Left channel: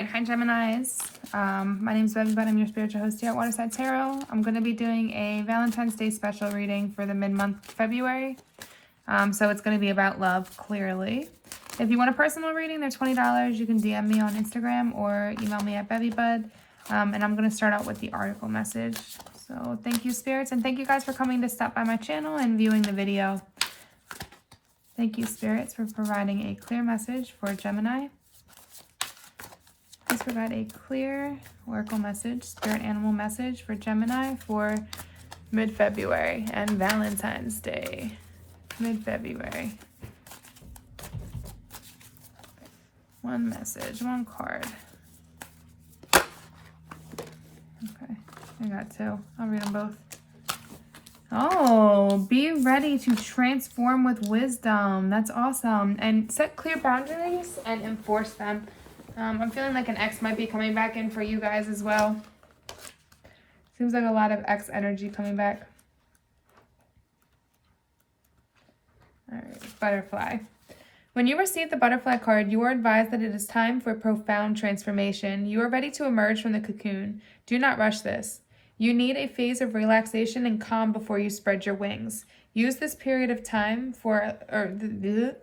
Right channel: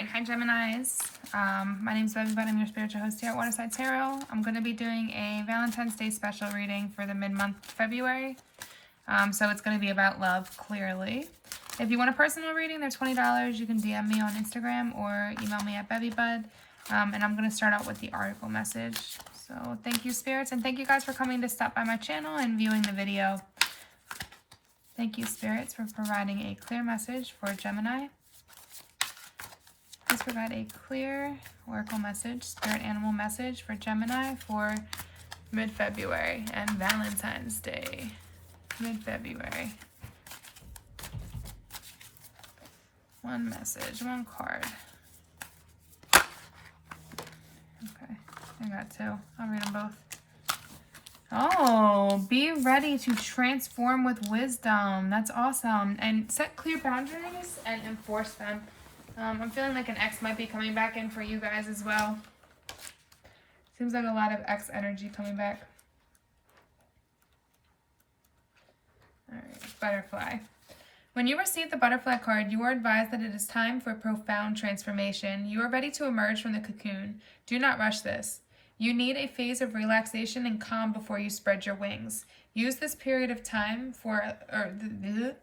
right, hi Geminis. My name is bevybud. I'm your spiritual host here at Waterside Tarot. I'm going to be doing a Valentine's Day special reading for the mid-month February. So it's going to be about love, clearly. If you want a personal reading, they're $20. You can DM me on Instagram or email me at bevybud. And I'm going to start out with the article message. So thank you, spirits, and thank you guys for coming to stop by my channel and viewing the video. Thank you, spirits, for providing a clear message for Gemini. Please provide a clear oracle message, spirit animal message for Gemini for mid-February and Valentine's Day. Mid-February. One message, one card. Okay, I got two. I'll read them both. Oh, be ready to transform with wisdom. That's awesome. And set clear boundaries and enforce them. I'm feeling like an ex might be coming back in for you guys as well. Seems like a lot of ex energy coming back. All right, butterfly. When you receive the butterfly card, you are advised that it is time for profound transformation. You are ready to emerge from the cocoon. Do not rush this. You need a phase of relaxation and calm before you spread your wings. Use this period of time for,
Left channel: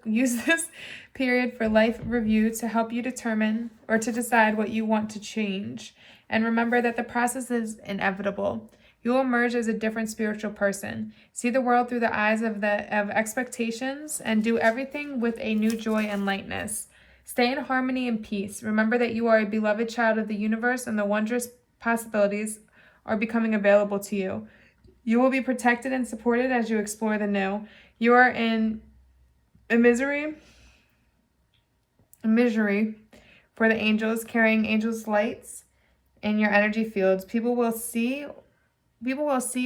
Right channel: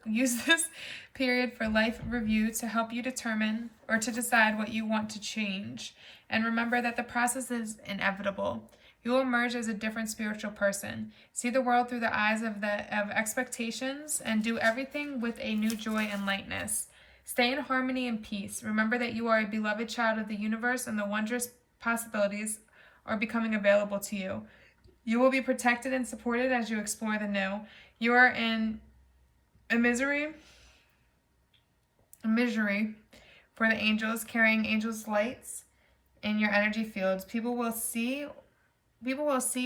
use this period for life review to help you determine or to decide what you want to change. And remember that the process is inevitable. You will emerge as a different spiritual person. See the world through the eyes of expectations and do everything with a new joy and lightness. Stay in harmony and peace. Remember that you are a beloved child of the universe and the wondrous possibilities are becoming available to you. You will be protected and supported as you explore the new. You are in a misery for the angels, carrying angels' lights in your energy fields. People will see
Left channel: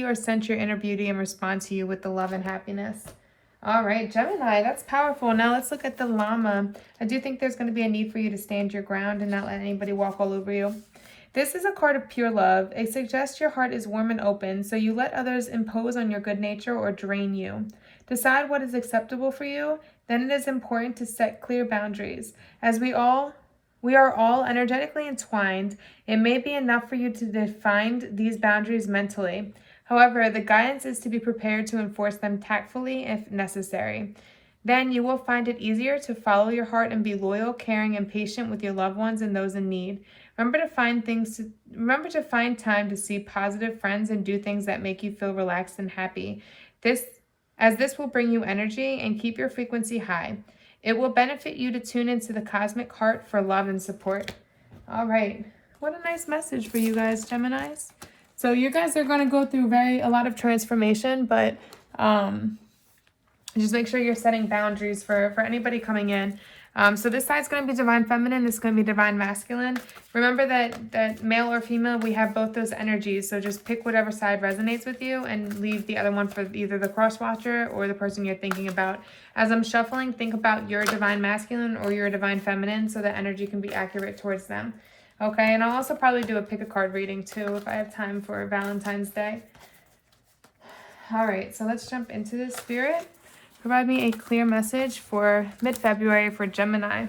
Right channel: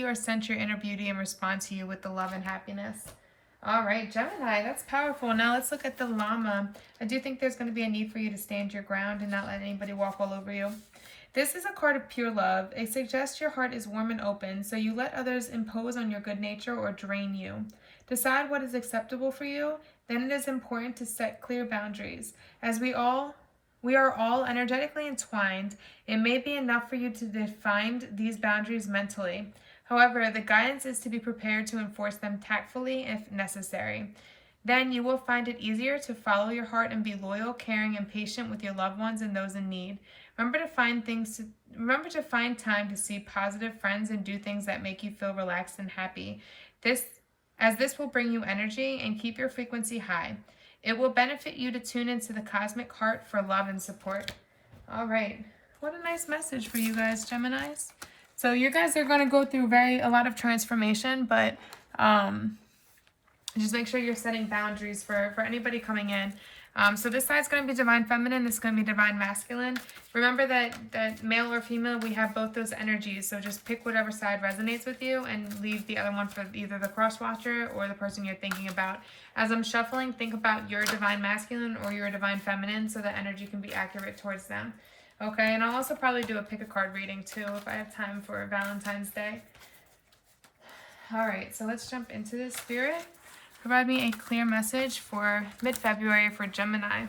or sense your inner beauty and respond to you with the love and happiness. All right, Gemini, that's powerful. Now let's look at the llama. I do think there's going to be a need for you to stand your ground and not let anybody walk all over you. This is a card of pure love. It suggests your heart is warm and open, so you let others impose on your good nature or drain you. Decide what is acceptable for you. Then it is important to set clear boundaries. As we are all energetically entwined, it may be enough for you to define these boundaries mentally. However, the guidance is to be prepared to enforce them tactfully if necessary. Then you will find it easier to follow your heart and be loyal, caring, and patient with your loved ones and those in need. Remember to find time to see positive friends and do things that make you feel relaxed and happy. This will bring you energy and keep your frequency high. It will benefit you to tune into the cosmic heart for love and support. All right. What a nice message for you guys, Geminis. So you guys are going to go through a lot of transformation, but just make sure you're setting boundaries for anybody coming in. So this side's going to be divine feminine. This is going to be divine masculine. Remember that male or female, we have both those energies. So just pick whatever side resonates with you and leave the other one for either the cross watcher or the person you're thinking about. As I'm shuffling, think about your divine masculine or your divine feminine so that energy can be accurate towards them. Okay, and I'll also probably do a pick a card reading too if I have time for Valentine's Day. All right, so let's jump into the spirit. Provide me a clear message for mid-February for Gemini.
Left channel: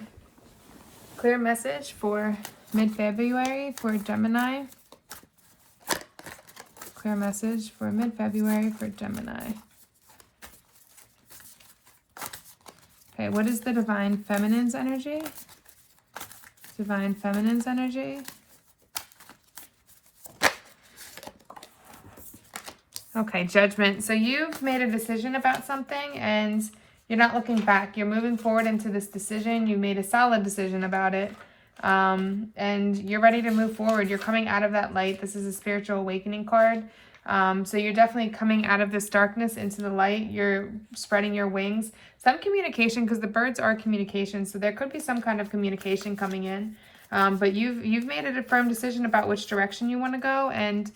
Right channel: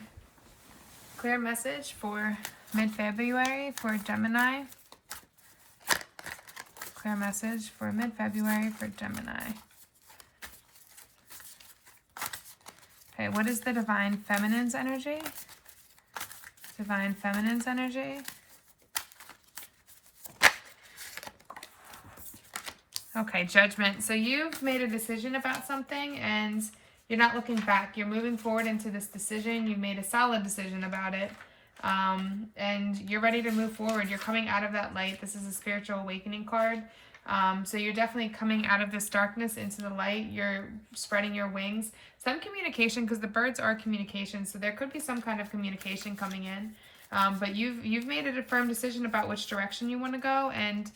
Clear message for mid-February for Gemini. Clear message for mid-February for Gemini. Okay, what is the divine feminine's energy? Divine feminine's energy. Okay, judgment. So you've made a decision about something and you're not looking back. You're moving forward into this decision. You made a solid decision about it. And you're ready to move forward. You're coming out of that light. This is a spiritual awakening card. So you're definitely coming out of this darkness into the light. You're spreading your wings. Some communication, because the birds are communication. So there could be some kind of communication coming in. But you've made a firm decision about which direction you want to go and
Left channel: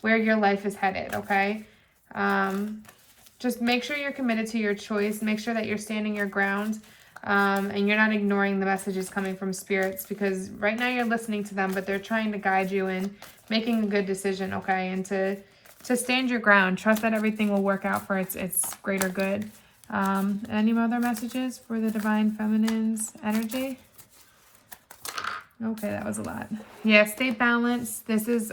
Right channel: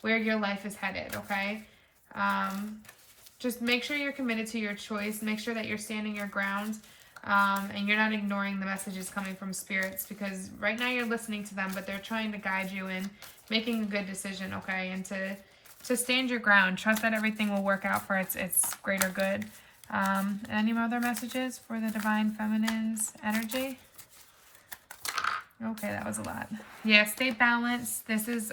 where your life is headed, okay? Just make sure you're committed to your choice. Make sure that you're standing your ground and you're not ignoring the messages coming from spirits, because right now you're listening to them, but they're trying to guide you in making a good decision, okay? And to stand your ground. Trust that everything will work out for its greater good. Any other messages for the Divine Feminine's energy? Okay, that was a lot. Yeah, stay balanced. This is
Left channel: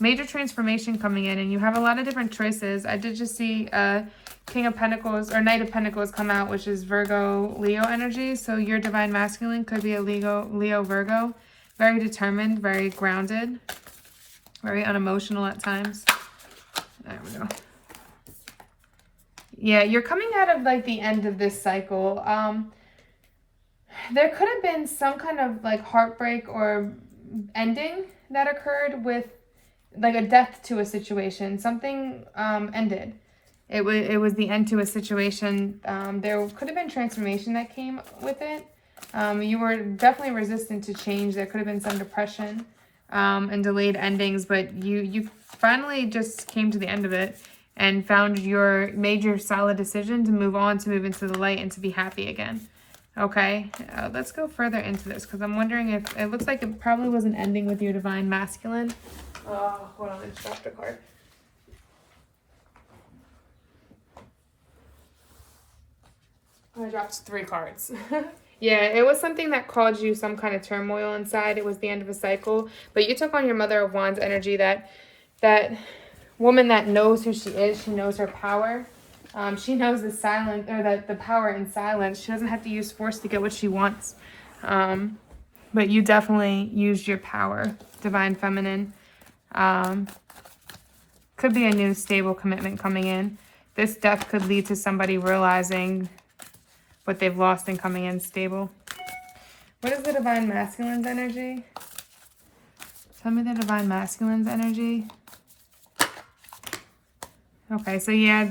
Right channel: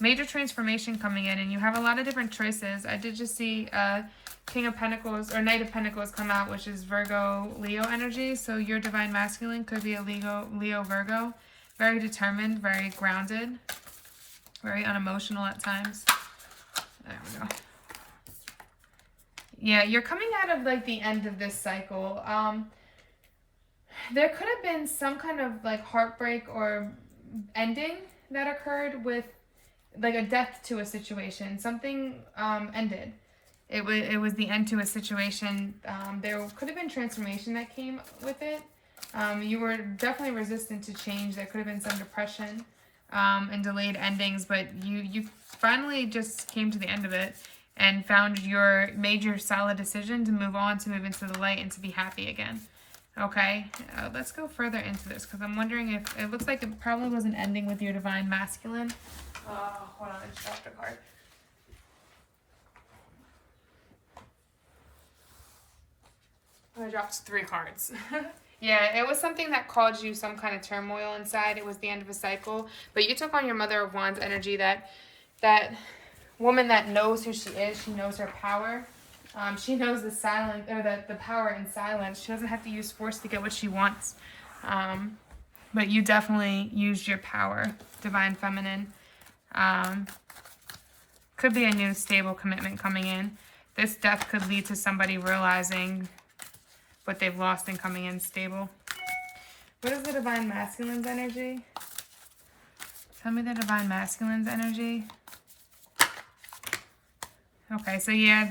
major transformation coming in, and you have a lot of different choices. I did just see King of Pentacles or Knight of Pentacles come out, which is Virgo, Leo energy. So your divine masculine could be a Leo, Virgo. Very determined, very grounded, very unemotional at times. There we go. Yeah, you're coming out of like the end of this cycle. There could have been some kind of like heartbreak or ending that occurred with like a death to a situation. Something ended. It was the end to a situation. There could have been transformation that came with it. You were definitely resistant to change. There could have been some depression and delayed endings, but you finally just came to the end of it and found your major solid decision to move on, to move into the light, and to be happy again. Okay, let's go further into this, because I'm wondering if it looks like it probably was an ending with your divine masculine. Oh, hold on, I just dropped a card. Oh, I dropped 3 cards. Yeah, it was something that caused you some kind of turmoil inside. It was the end of a cycle, but you took on your Mother of Wands energy, that woman that knows who she is. She knows her power. She knows the silence, or the power in silence. She doesn't have to use force to get what she wants. But you definitely used your power, divine feminine. Could be a new stable commitment coming in. This death could lead to somebody realizing what they've lost and coming in stable. What is the divine masculine's energy? Tell me the divine masculine's energy. Okay, so yeah,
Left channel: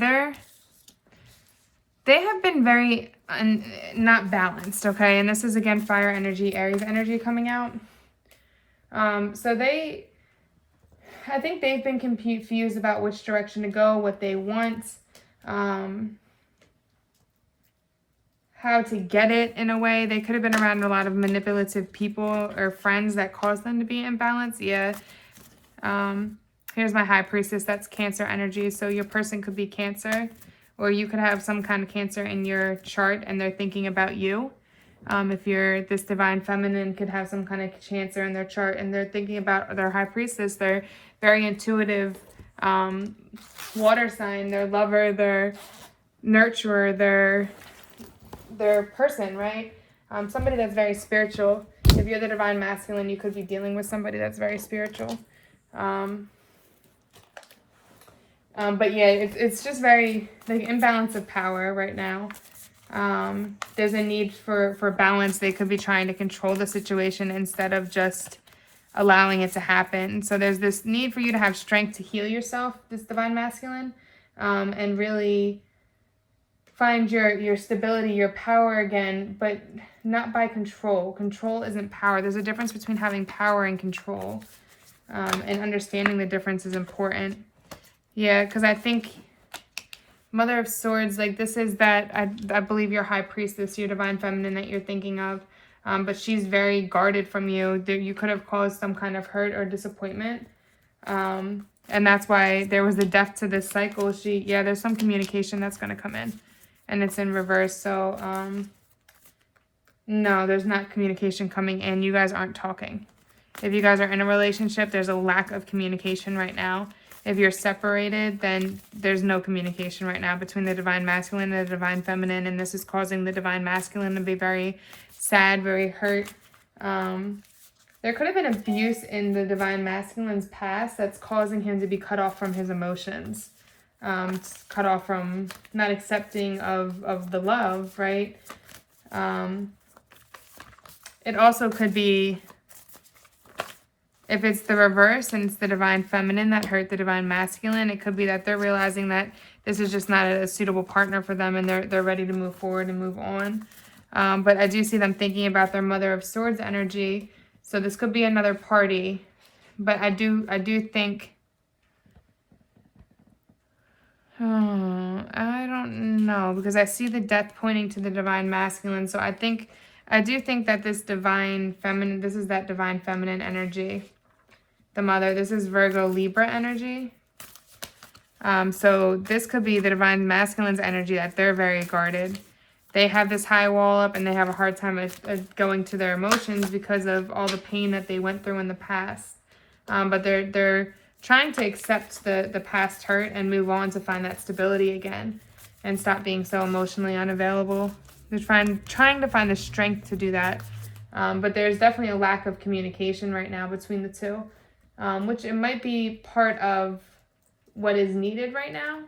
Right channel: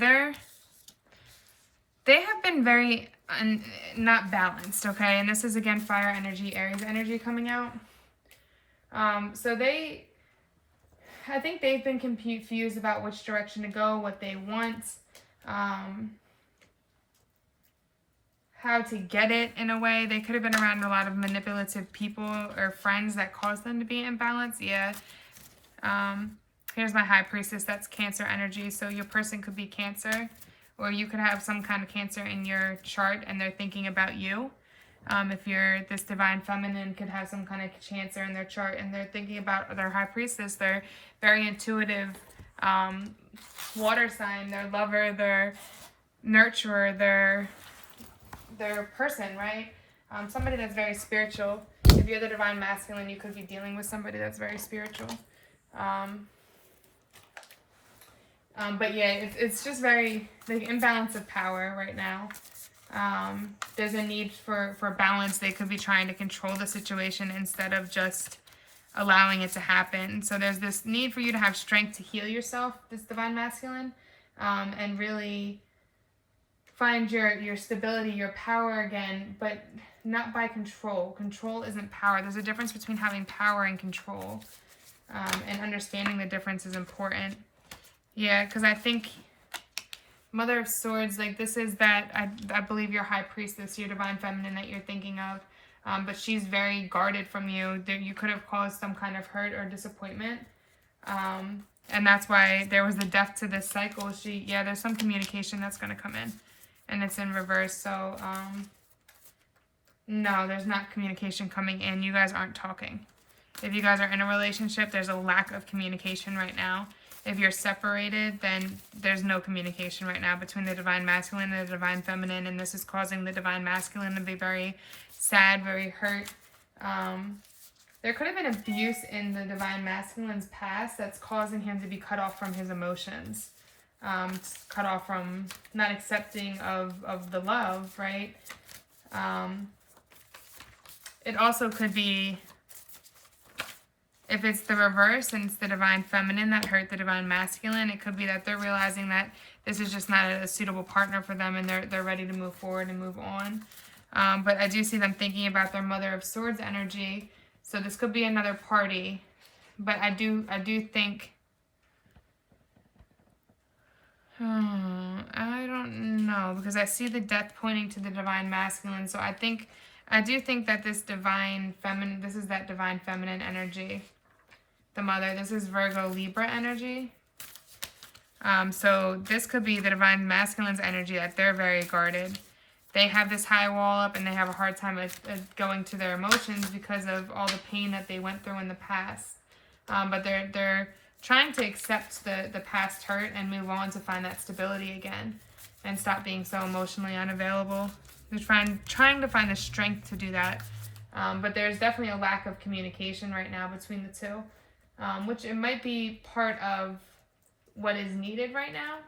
they have been very not balanced, okay? And this is, again, fire energy, Aries energy coming out. So I think they've been confused about which direction to go, what they want, how to get it in a way. They could have been around a lot of manipulative people or friends that caused them to be imbalanced. Yeah. Here's my High Priestess. That's Cancer energy. So your person could be Cancer, or you could have some kind of Cancer in your chart and they're thinking about you. If you're this divine feminine, could have some kind of Cancer in their chart and they're thinking about their High Priestess. They're very intuitive, water sign, their lover, their nurturer, their person, right? Somebody that's very spiritual. If you're the divine masculine, you could be dealing with somebody that's very spiritual. But yeah, it's just very like imbalance of power right now. There's a need for balance. They could be trying to control the situation instead of just allowing it to happen. So there's this need for you to have strength to heal yourself, this divine masculine, and really find your stability, your power again, but not by control. Control isn't power. There's a difference between having power and control, and understanding the difference is important. Yeah, because I think Mother of Swords, like this is that, I believe your High Priestess, your divine feminine that you're thinking of, but she's very guarded from you. You could have caused some kind of hurt or disappointment, and that's why there was the death to this cycle. Yeah, there's some communication that's going to come in, and it's in reverse. So no, there's not communication coming in. You guys aren't talking. If you guys are in a relationship, there's a lack of communication right now. If you're separated, then there's no communication right now between the divine masculine and the divine feminine, and this is causing the divine masculine to be very sad, very hurt. There could have been abuse in the divine masculine's past that's causing him to be cut off from his emotions, cut off from not accepting of the love, right? It also could be, if it's the reverse and it's the divine feminine that hurt the divine masculine, it could be that they're realizing that this is just not a suitable partner for them and they're ready to move forward and move on. But I do see them thinking about their Mother of Swords energy. So this could be another party. But I do think, I don't know, because I see the death pointing to the divine masculine. So I do think that this divine feminine, this is that divine feminine energy. The mother, this is Virgo Libra energy. So this could be the divine masculine's energy, that they're very guarded. they have this high wall up and they have a hard time going to their emotions because of all the pain that they went through in the past. But they're trying to accept the past hurt and move on to find that stability again and stop being so emotionally unavailable. They're trying to find the strength to do that. But there's definitely a lack of communication right now between the two, which it might be part of what is needed right now,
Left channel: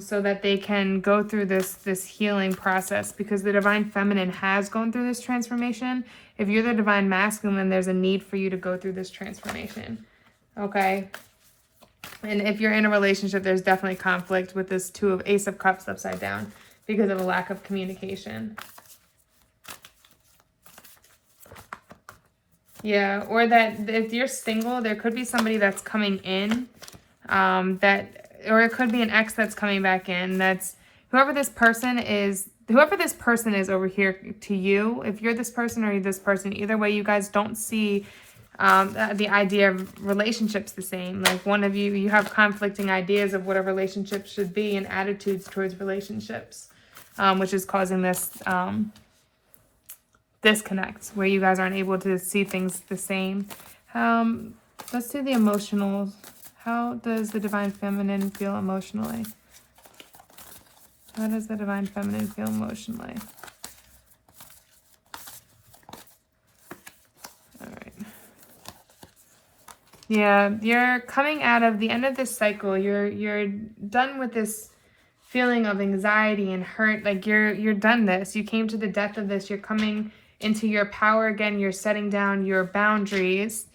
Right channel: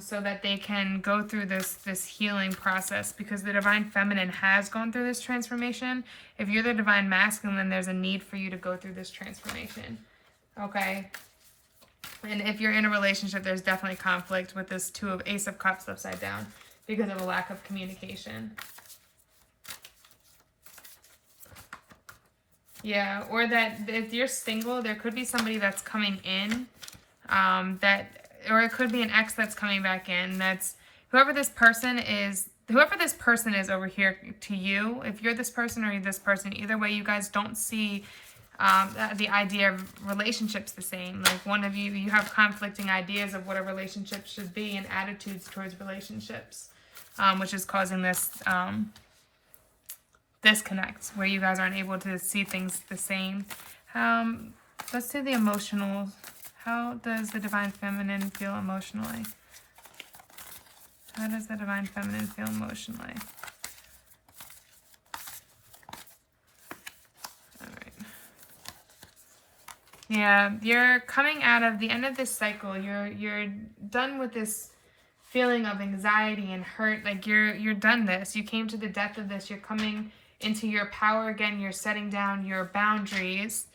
so that they can go through this healing process, because the divine feminine has gone through this transformation. If you're the divine masculine, there's a need for you to go through this transformation. Okay? And if you're in a relationship, there's definitely conflict with this Ace of Cups upside down because of a lack of communication. Yeah, or that if you're single, there could be somebody that's coming in, or it could be an ex that's coming back in. That's whoever this person is over here to you. If you're this person or you're this person, either way, you guys don't see the idea of relationships the same. Like one of you have conflicting ideas of what a relationship should be and attitudes towards relationships, which is causing this disconnect where you guys aren't able to see things the same. Let's do the emotional. How does the divine feminine feel emotionally? How does the divine feminine feel emotionally? All right. Yeah, you're coming out of the end of this cycle. You're done with this feeling of anxiety and hurt. Like you're done this. You came to the depth of this. You're coming into your power again. You're setting down your boundaries.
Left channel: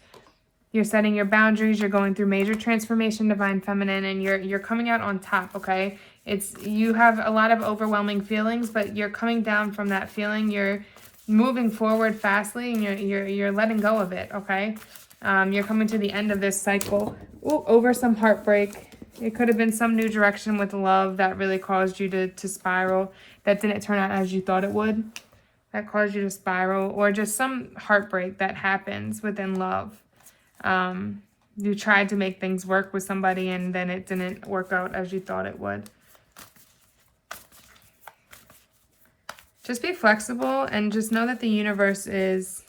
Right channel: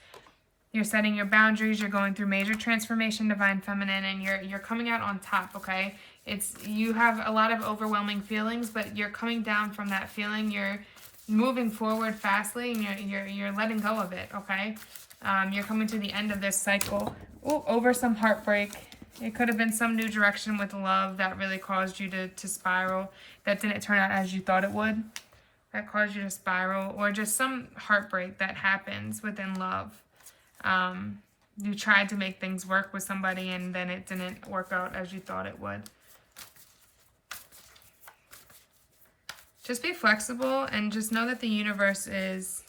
You're setting your boundaries. You're going through major transformation, divine feminine, and you're coming out on top. Okay, you have a lot of overwhelming feelings, but you're coming down from that feeling. You're moving forward fastly, and you're letting go of it. Okay, you're coming to the end of this cycle. Ooh, over some heartbreak. It could have been some new direction with love that really caused you to spiral. That didn't turn out as you thought it would. That caused you to spiral, or just some heartbreak that happens within love. You tried to make things work with somebody and then it didn't work out as you thought it would. Just be flexible and just know that the universe is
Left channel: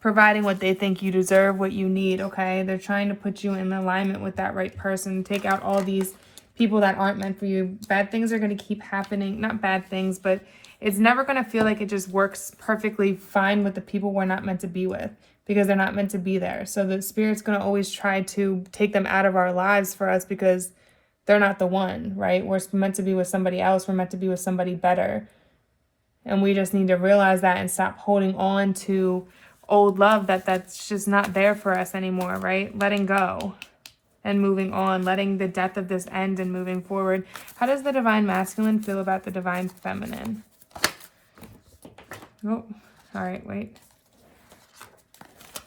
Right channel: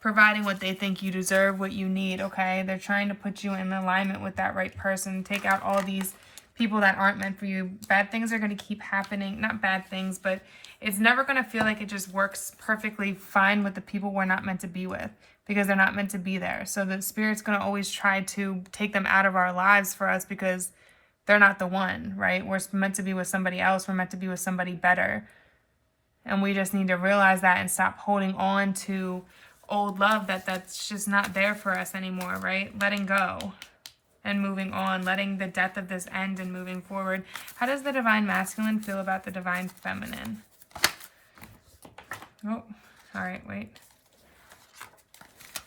providing what they think you deserve, what you need, okay? They're trying to put you in alignment with that right person. Take out all these people that aren't meant for you. Bad things are going to keep happening. Not bad things, but it's never going to feel like it just works perfectly fine with the people we're not meant to be with, because they're not meant to be there. So the Spirit's going to always try to take them out of our lives for us because they're not the one, right? We're meant to be with somebody else. We're meant to be with somebody better. And we just need to realize that and stop holding on to old love that's just not there for us anymore, right? Letting go and moving on, letting the death of this end and moving forward. How does the divine masculine feel about the divine feminine? Oh, all right, wait.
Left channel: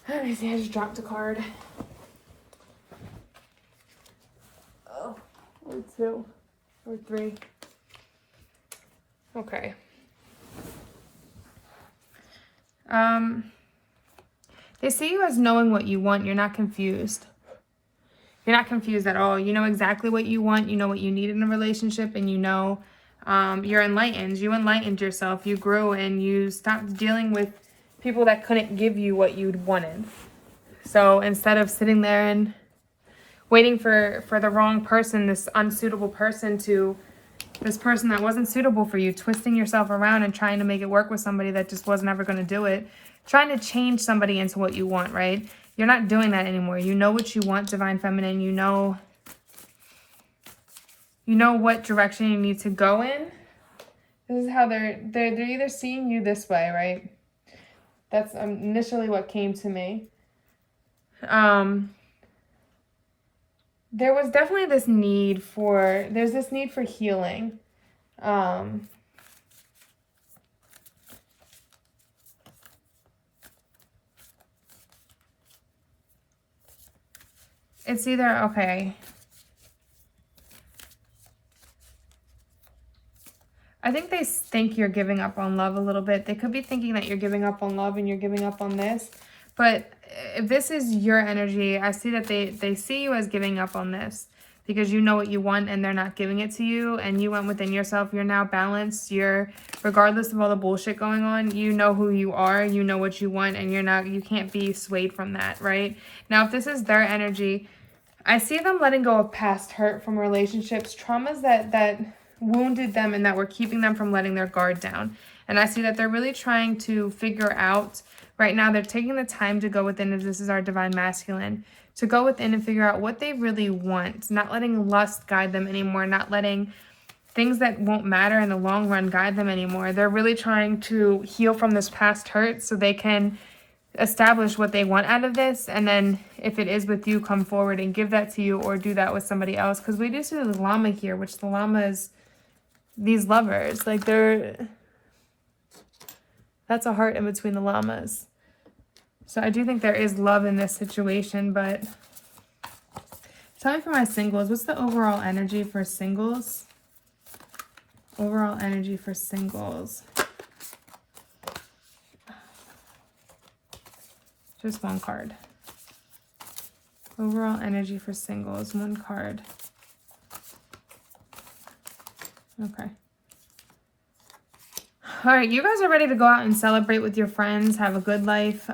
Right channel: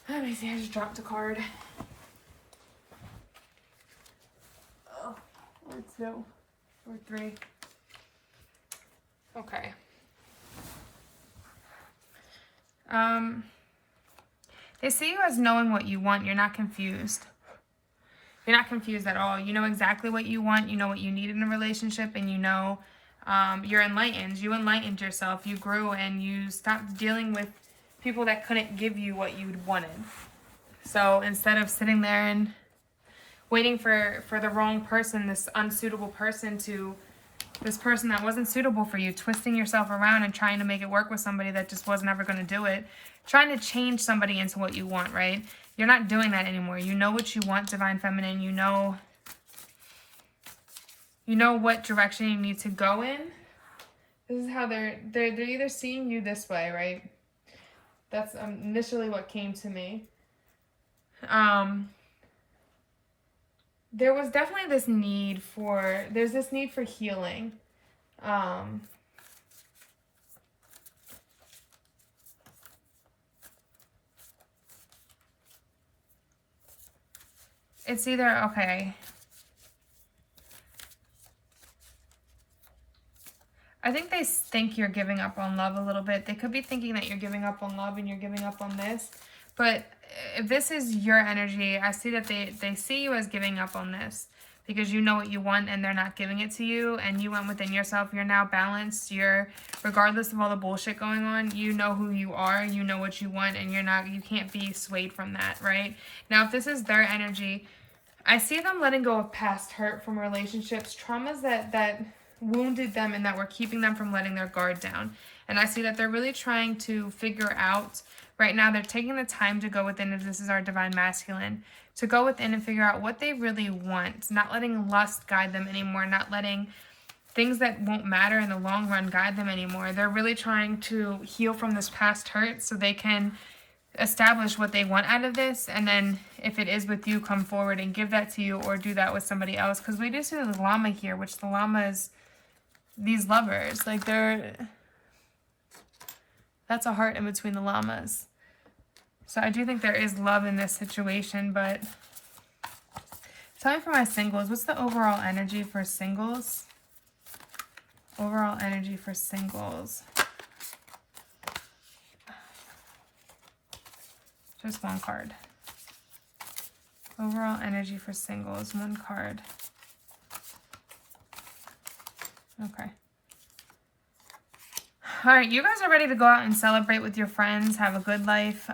Let me see, I just dropped a card. Oh, or two, or three. Okay. They see you as knowing what you want. You're not confused. You're not confused at all. You know exactly what you want. You know what you need in a relationship, and you know you're enlightened. You enlightened yourself. You grew, and you stopped dealing with people that couldn't give you what you'd wanted. So instead of sitting there and waiting for the wrong person, this unsuitable person, this person that wasn't suitable for you, twisting yourself around and trying to make it work with somebody that just wasn't ever going to do it, trying to change somebody into what you want, right? You're not doing that anymore. You know what you want, divine feminine. You know what direction you need to go in. This is how they're either seeing you this way, right? That's initially what came to me. There was definitely this need for healing. It's either, okay. I think they think you're giving up on love a little bit. They could be thinking that you're giving up on love and you're giving up on this. But if this is your energy, I see that they see you as giving up on this because you know what you want and they're not giving it to you, and you went within yourself. You're now balanced. You're, regardless of all the bullshit going on, you know who you are, you know what you want, and you can't be swayed from that, right? Now, if this is their energy, I see them letting go of past hurt from relationships, traumas that wounded them and that were keeping them from letting their guard down. And I see that they're really trying to figure out, right now, they're taking the time to go within, as this is our divine masculine, to go within and figure out what they really want, not letting lust guide them anymore, not letting things that won't matter in the long run guide them anymore. They're really trying to heal from this past hurt so they can establish what they want out of this, and then if it is with you, come forward and give that to you, or do that with somebody else. Because we do see the llama here, which the llama is these lovers, like that's a heart in between the llamas. So I do think there is love in this situation, but tell me for my singles, what's the overall energy for singles? Overall energy for singles. Just one card. Overall energy for singles, one card. Okay. All right, you guys are ready to go out and celebrate with your friends, have a good life,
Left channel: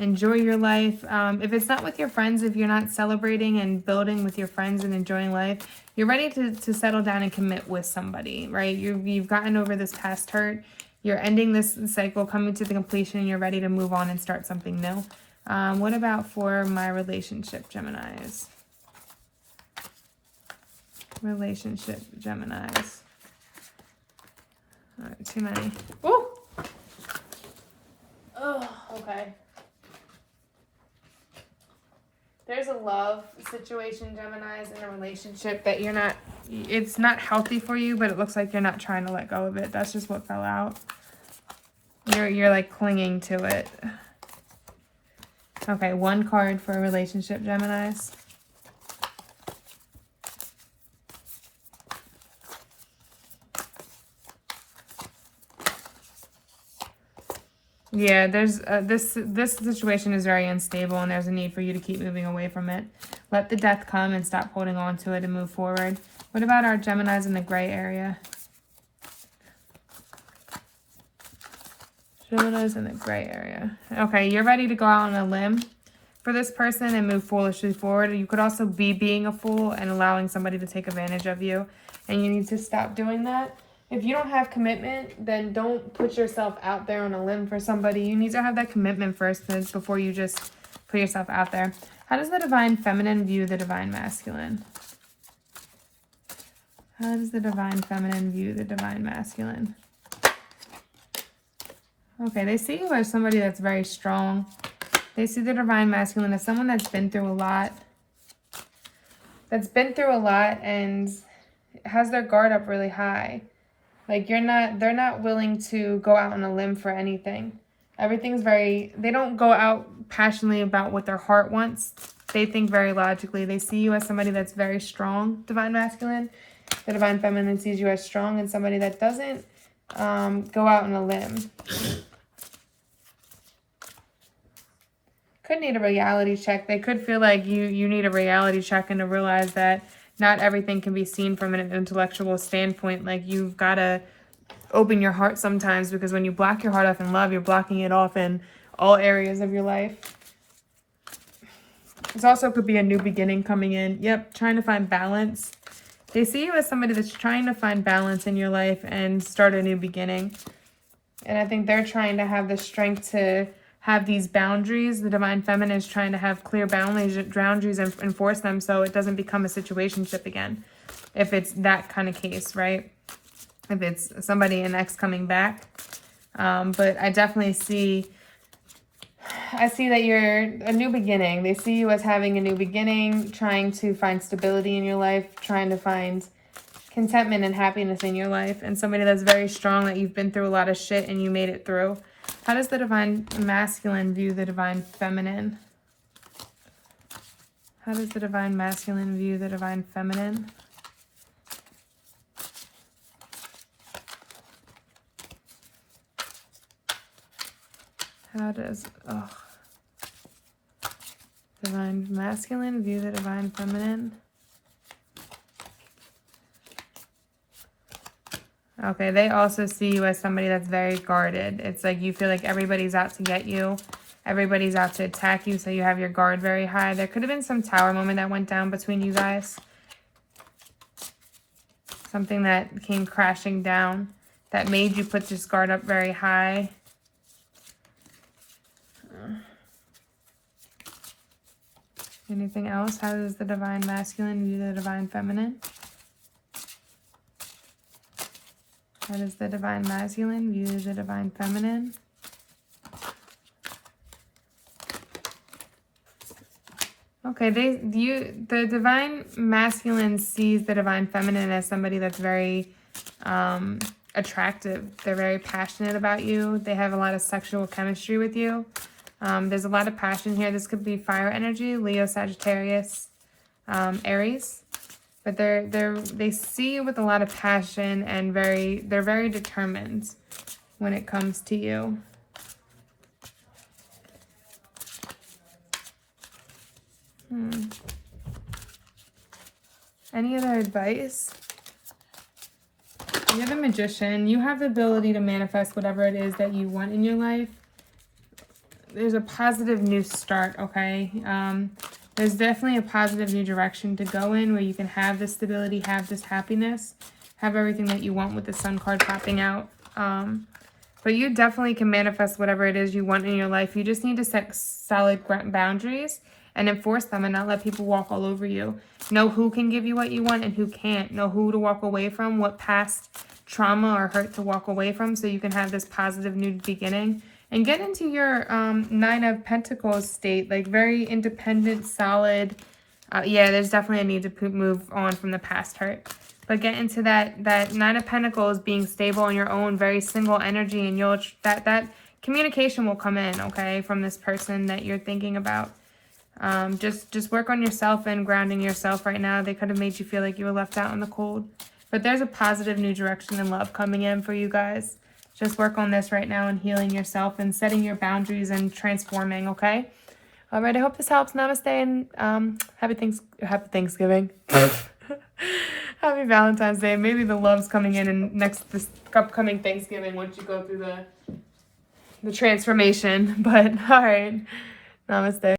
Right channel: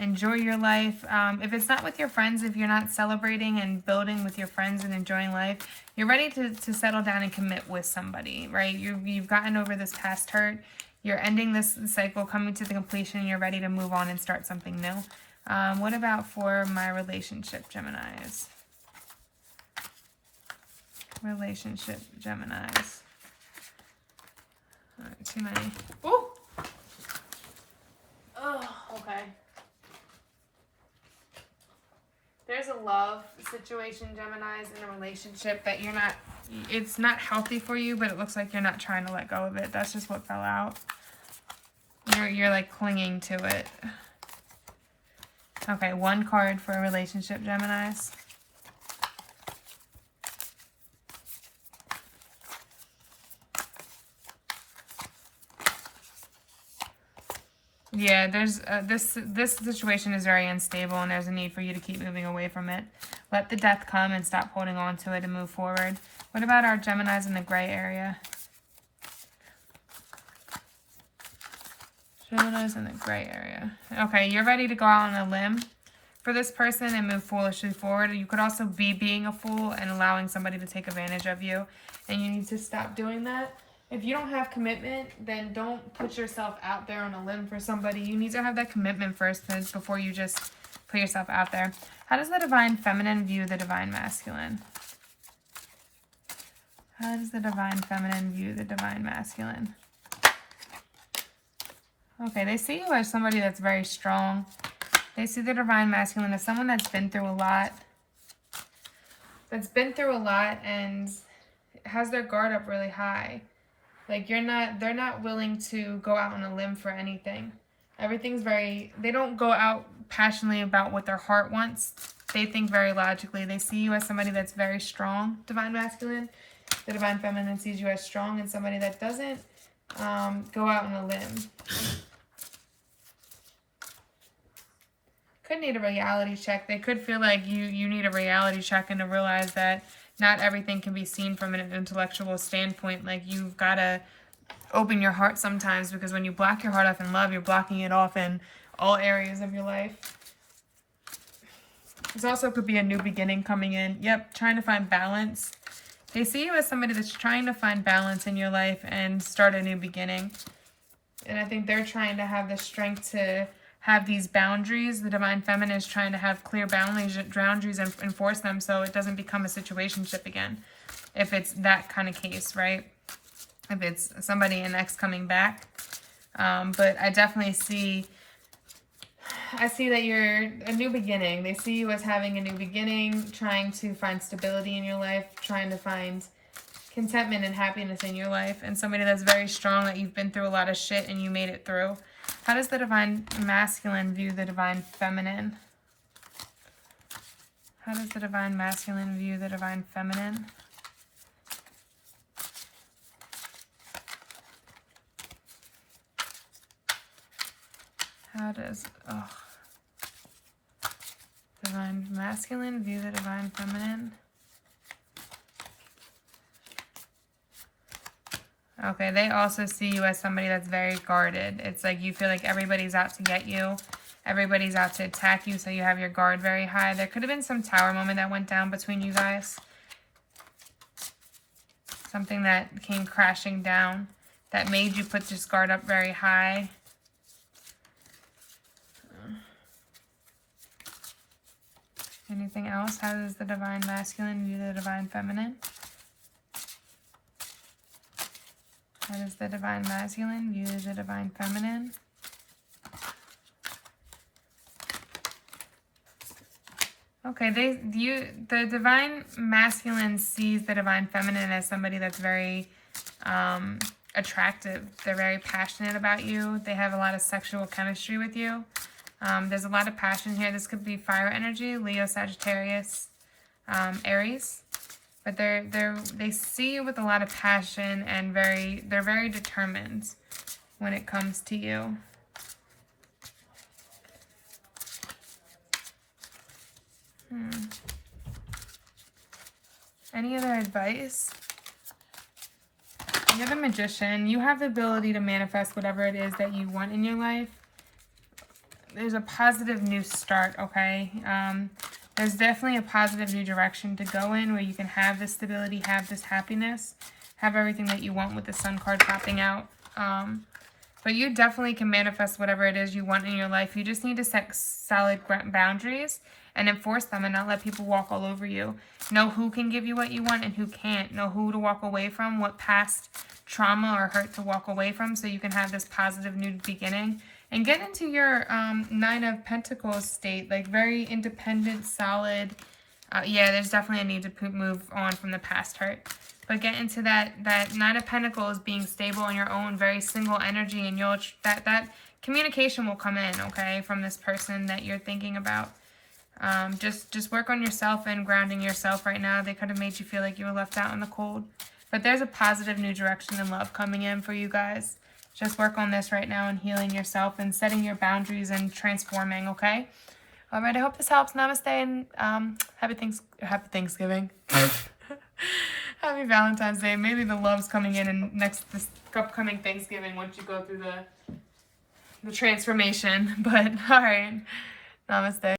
enjoy your life. If it's not with your friends, if you're not celebrating and building with your friends and enjoying life, you're ready to settle down and commit with somebody, right? You've gotten over this past hurt. You're ending this cycle, coming to the completion. You're ready to move on and start something new. What about for my relationship, Geminis? Relationship, Geminis. All right, too many. Oh! Oh, okay. There's a love situation, Geminis, in a relationship that you're not, it's not healthy for you, but it looks like you're not trying to let go of it. That's just what fell out. You're like clinging to it. Okay, one card for a relationship, Geminis. Yeah, there's this situation is very unstable, and there's a need for you to keep moving away from it. Let the death come and stop holding on to it and move forward. What about our Geminis in the gray area? Geminis in the gray area. Okay, you're ready to go out on a limb for this person and move foolishly forward. You could also be being a fool and allowing somebody to take advantage of you, and you need to stop doing that. If you don't have commitment, then don't put yourself out there on a limb for somebody. You need to have that commitment first before you just put yourself out there. How does the divine feminine view the divine masculine? How does the divine feminine view the divine masculine? Okay, they see you as somebody that's very strong. They see the divine masculine as someone that's been through a lot. And has their guard up really high. Like they're not willing to go out on a limb for anything. Everything's they don't go out passionately about what their heart wants. They think very logically. They see you as somebody that's very strong, divine masculine. The divine feminine sees you as strong and somebody that doesn't go out on a limb. Could need a reality check. They could feel like you need a reality check and to realize that not everything can be seen from an intellectual standpoint. Like you've got to open your heart sometimes, because when you block your heart off in love, you're blocking it off in all areas of your life. This also could be a new beginning coming in. Yep, trying to find balance. They see you as somebody that's trying to find balance in your life and start a new beginning. And I think they're trying to have the strength to have these boundaries. The divine feminine is trying to have clear boundaries and enforce them so it doesn't become a situationship again. If it's that kind of case, right? If it's somebody, an ex coming back. But I definitely see that you're a new beginning. They see you as having a new beginning, trying to find stability in your life, trying to find contentment and happiness in your life, and somebody that's very strong, that you've been through a lot of shit and you made it through. How does the divine masculine view the divine feminine? How does the divine masculine view the divine feminine? How does divine masculine view the divine feminine? Okay, they also see you as somebody that's very guarded. It's like you feel like everybody's out to get you. Everybody's out to attack you, so you have your guard very high. There could have been some tower moment that went down between you guys. Something that came crashing down that made you put this guard up very high. Anything else? How does the divine masculine view the divine feminine? How does the divine masculine view the divine feminine? Okay, the divine masculine sees the divine feminine as somebody that's very attractive. They're very passionate about you. They have a lot of sexual chemistry with you. There's a lot of passion here. This could be fire energy, Leo, Sagittarius, Aries. But they see you with a lot of passion and they're very determined when it comes to you. Any other advice? You're the Magician. You have the ability to manifest whatever it is that you want in your life. There's a positive new start, okay? There's definitely a positive new direction to go in where you can have this stability, have this happiness, have everything that you want with the Sun card popping out. But you definitely can manifest whatever it is you want in your life. You just need to set solid boundaries and enforce them and not let people walk all over you. Know who can give you what you want and who can't. Know who to walk away from, what past trauma or hurt to walk away from so you can have this positive new beginning. And get into your Nine of Pentacles state, like very independent, solid. Yeah, there's definitely a need to move on from the past hurt. But get into that Nine of Pentacles being stable on your own, very single energy, and you'll that communication will come in, okay, from this person that you're thinking about. Just work on yourself and grounding yourself right now. They could have made you feel like you were left out in the cold. But there's a positive new direction and love coming in for you guys. Just work on this right now and healing yourself and setting your boundaries and transforming, okay? All right, I hope this helps. Namaste and happy Thanksgiving. Happy Valentine's Day. Maybe the love's coming in this upcoming Thanksgiving once you go through the transformation. But all right, namaste.